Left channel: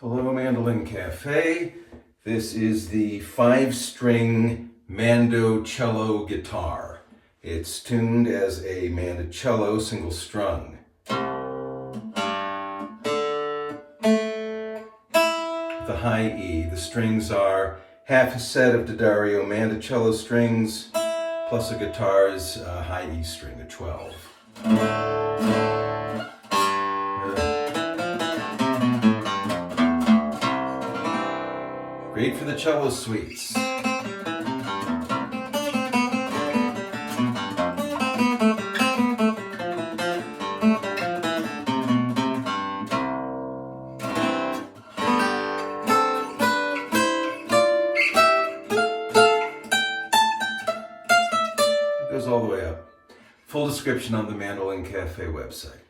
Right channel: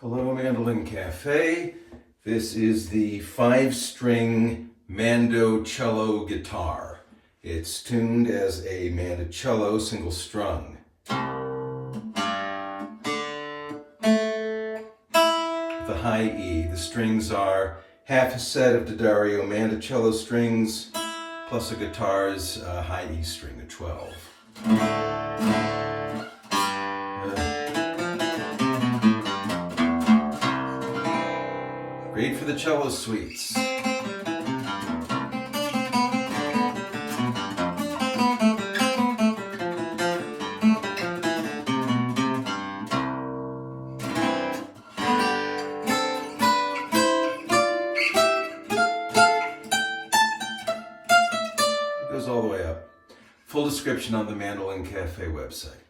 Hello, Mandolin Cafe. This is the 5-string Mando cello guitar. It's tuned as a mandocello single strung. The high E. The strings are half a set of D'Addario mandocello strings plus a guitar's high E string, a 12. Great for the cello suites. It goes all the way up. Full description on the Mandolin Cafe website.